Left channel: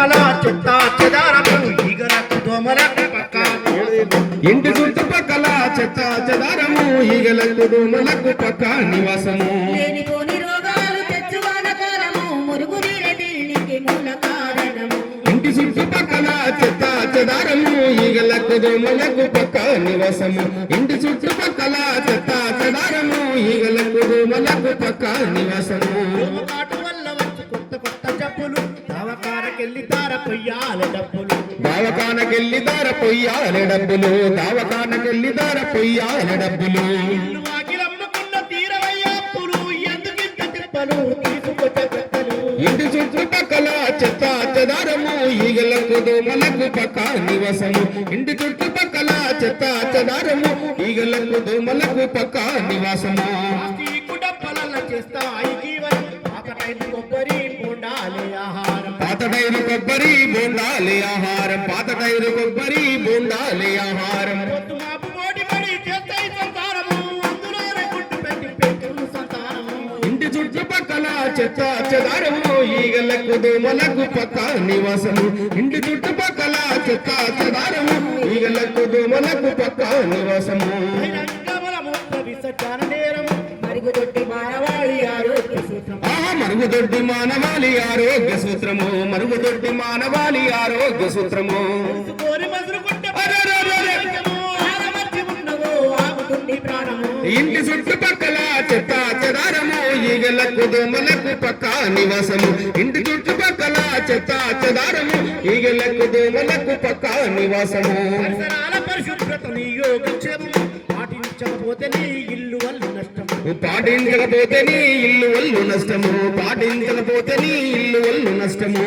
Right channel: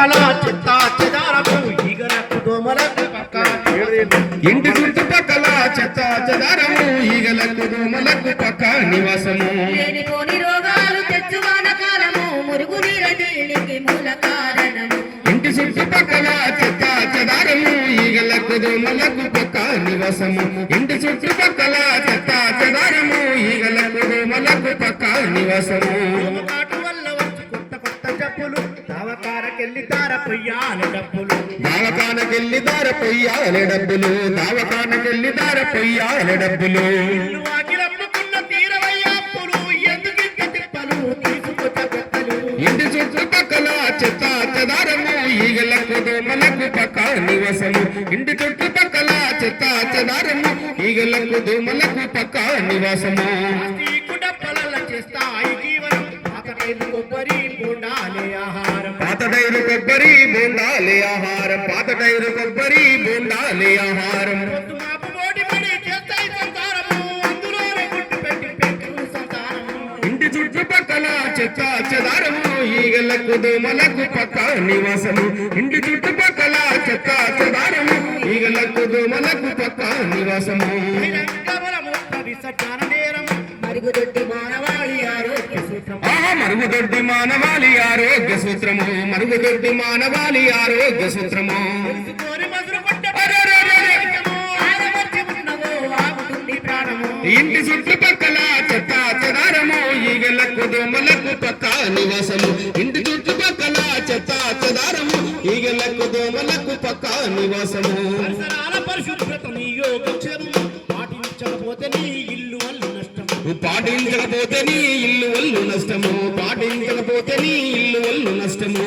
చుట్టుపక్కల చెత్త చెదారము ఈగలకు దోమలకు పక్క ఇంటి చుట్టుపక్కల చెత్త చెదారము ఈగలకు దోమలకు పక్క నివాసము లేనిపోని రోగాలు తెచ్చువానకాలము మురుగునీరనికి మూల కారణము ఇంటి చుట్టుపక్కల చెత్త చెదారము ఈగలకు దోమలకు పక్క నివాసము ఇంటి చుట్టుపక్కల చెత్త చెదారము ఈగలకు దోమలకు పక్క నివాసము దోమకాటు వల్ల వచ్చి కొత్త కొత్త జబ్బులు దవాఖానకెళ్ళి తార పొయ్యాలి డబ్బులు దావకానకెళ్ళి దార పొయ్యాలి డబ్బులు దావకానకెళ్ళి దార పొయ్యాలి డబ్బులు ఇల్లు వాకిలమ్ముకున్న తీరవయ్యా అప్పులు ఎందుకింత తిప్పలు తీసుకొచ్చే పెద్దలు ఇంటి చుట్టుపక్కల చెత్త చెదారము ఈగలకు దోమలకు పక్క నివాసము ఇంటి చుట్టుపక్కల చెత్త చెదారము ఈగలకు దోమలకు పక్క నివాసము ప్లాస్టిక్ డబ్బాలల్ల చేస్తాయి జీవనం పాతటైన కొబ్బరి బొండాలి ఆహారం పాతటైరు కొబ్బరి బొండాలి ఆహారం పాతటైరు కొబ్బరి బొండాలి ఆహారం పొద్దు మాపు మోడి పడి చేస్తాయి సంసారము అందులోనే గుడ్డు పెట్టి పెట్టు సంతానము ఇంటి చుట్టుపక్కల చెత్త చెదారము ఈగలకు దోమలకు పక్క నివాసము ఇంటి చుట్టుపక్కల చెత్త చెదారము ఈగలకు దోమలకు పక్క నివాసము విసర్జన నేరము మరుగుదొడ్డి మానవాళి ఆరోగ్య సూత్రం మరుగుదొడ్డి మానవాళి ఆరోగ్య సూత్రము మరుగుదొడ్డి మానవాళి ఆరోగ్య సూత్రము కోరి మసురు కొట్ట ఆగమర్చి ఉన్నవో ఆగుతుంది ప్రాణము ఇంటి చుట్టుపక్కల చెత్త చెదారము ఈగలకు దోమలకు పక్క నివాసము ఇంటి చుట్టుపక్కల చెత్త చెదారము ఈగలకు దోమలకు పక్క నివాసము పరిసరాల పరిశుభ్రత నీ యోగక్షేమము పాటించకపోతే నీ ఇల్లు వల్ల నష్టము పాటించకపోతే నీ ఇల్లు వల్లు నష్టము పాటించకపోతే నీ ఇల్లు వల్లు నష్టము